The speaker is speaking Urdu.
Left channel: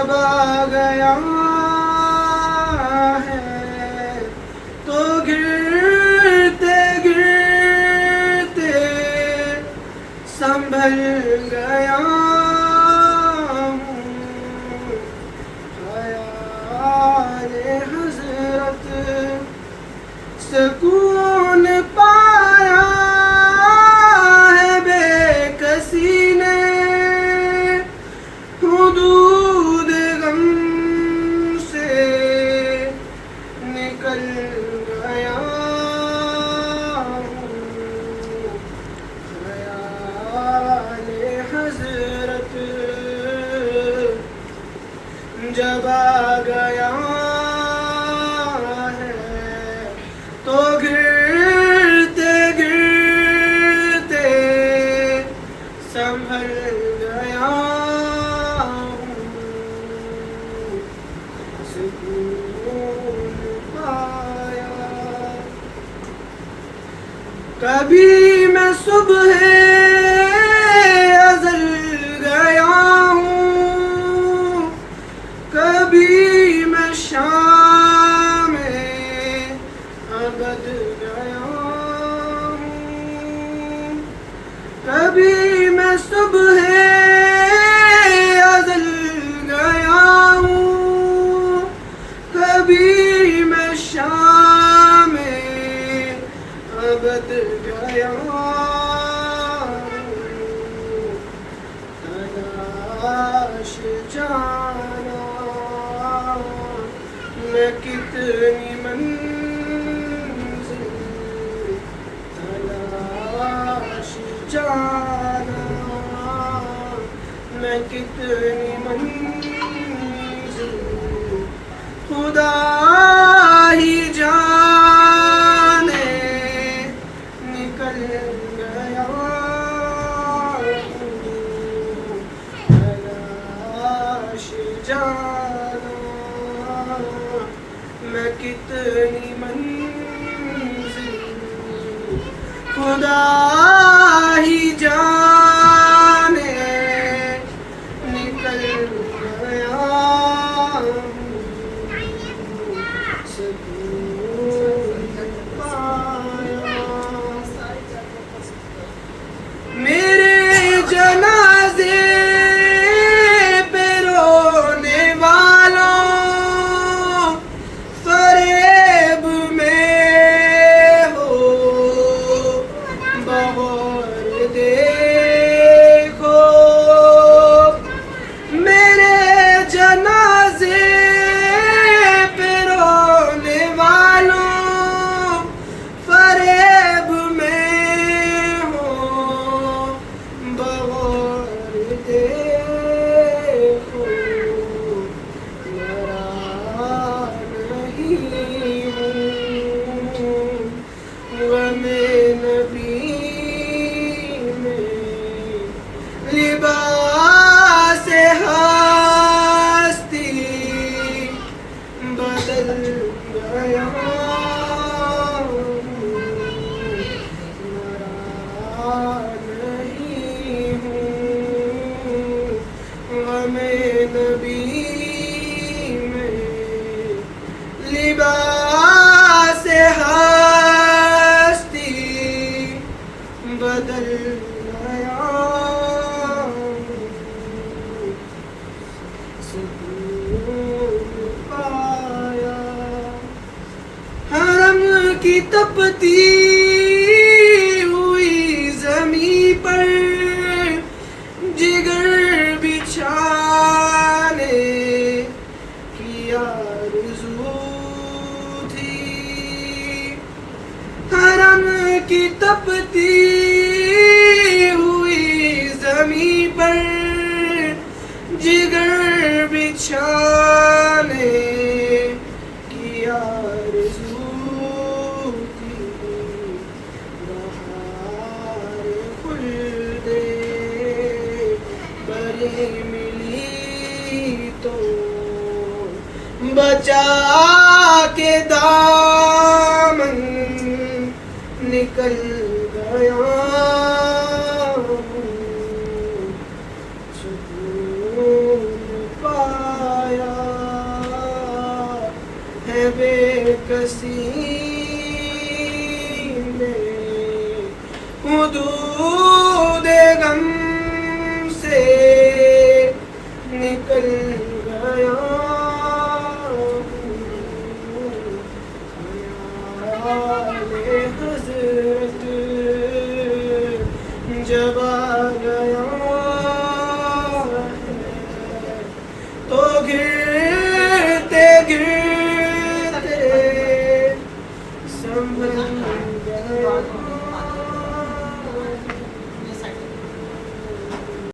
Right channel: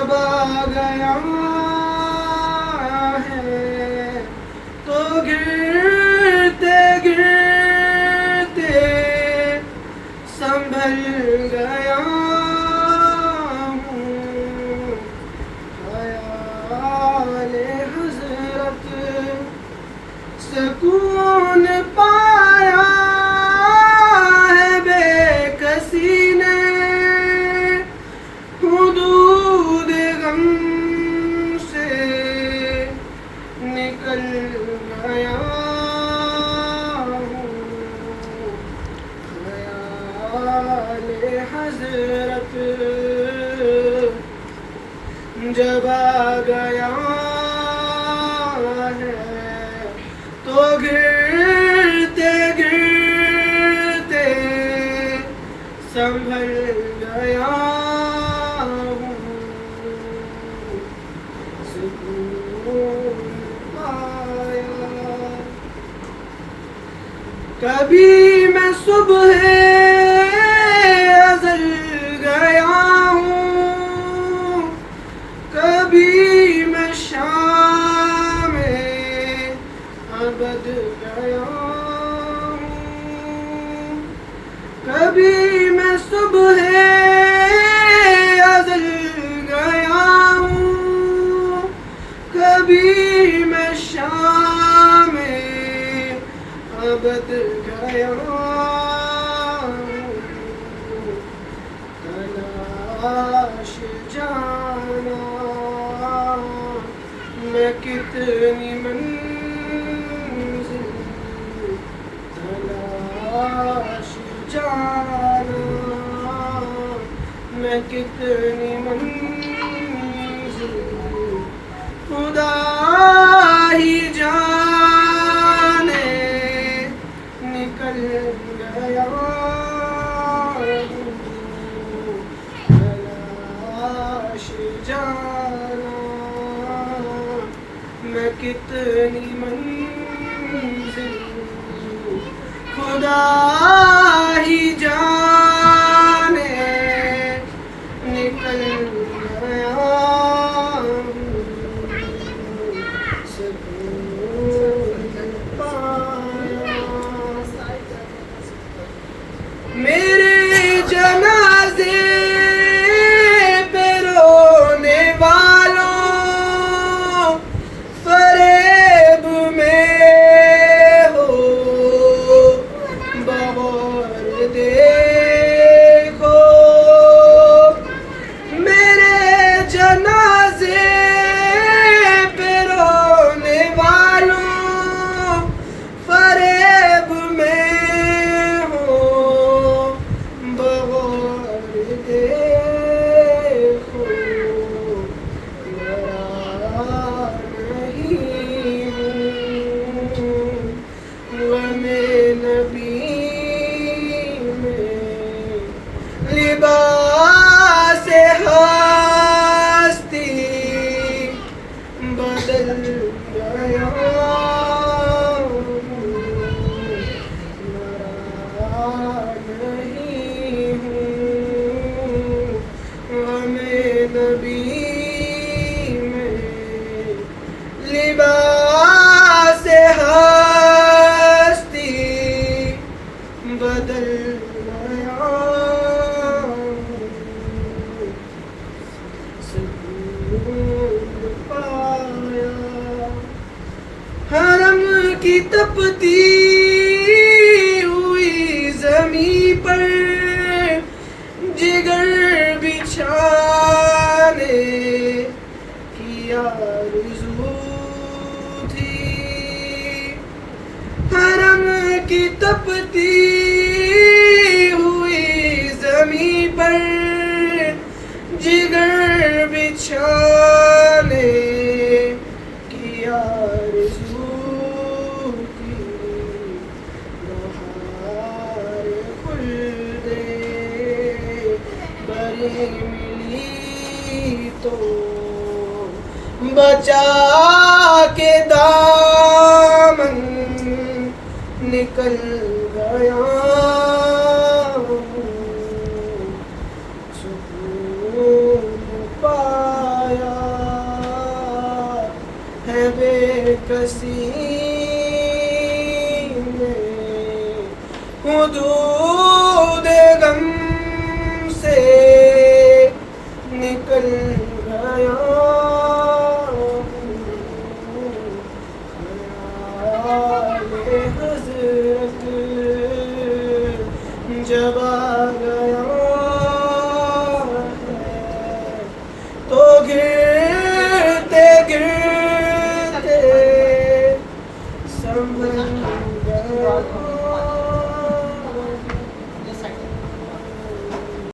جب آ گیا ہے تو گرتے گرتے سنبھل گیا ہوں، خیال حضرت سکون پایا ہے بے کسی نے، حدود غم سے نکل گیا ہوں، خیال حضرت جب آ گیا ہے تو گرتے گرتے سنبھل گیا ہوں، سکون پایا۔ کبھی میں صبح ازل گیا ہوں، کبھی میں شام ابد گیا ہوں، کبھی میں صبح ازل گیا ہوں، کبھی میں شام ابد گیا ہوں، تلاش جانا میں کتنی منزل، تلاش جانا میں کتنی منزل، خدا ہی جانے نکل گیا ہوں، تلاش جانا میں کتنی منزل، خدا ہی جانے نکل گیا ہوں، سکون پایا۔ میرے جنازے پہ رونے والوں فریب میں ہو بغور دیکھو، میرے جنازے پہ رونے والوں فریب میں ہو بغور دیکھو، مرا نہیں ہوں غم نبی میں، لباس ہستی بدل گیا ہوں، مرا نہیں ہوں غم نبی میں، لباس ہستی بدل گیا ہوں، سکون پایا۔ حرم کی تپتی ہوئی زمین پر جگر بچھانے کی آرزو تھی، حرم کی تپتی ہوئی زمین پر جگر بچھانے کی آرزو تھی، بہار خلد بری ملی تو بچا کے دامن نکل گیا ہوں، سکون پا سینے حدود غم سے نکل گیا آل حضرت جب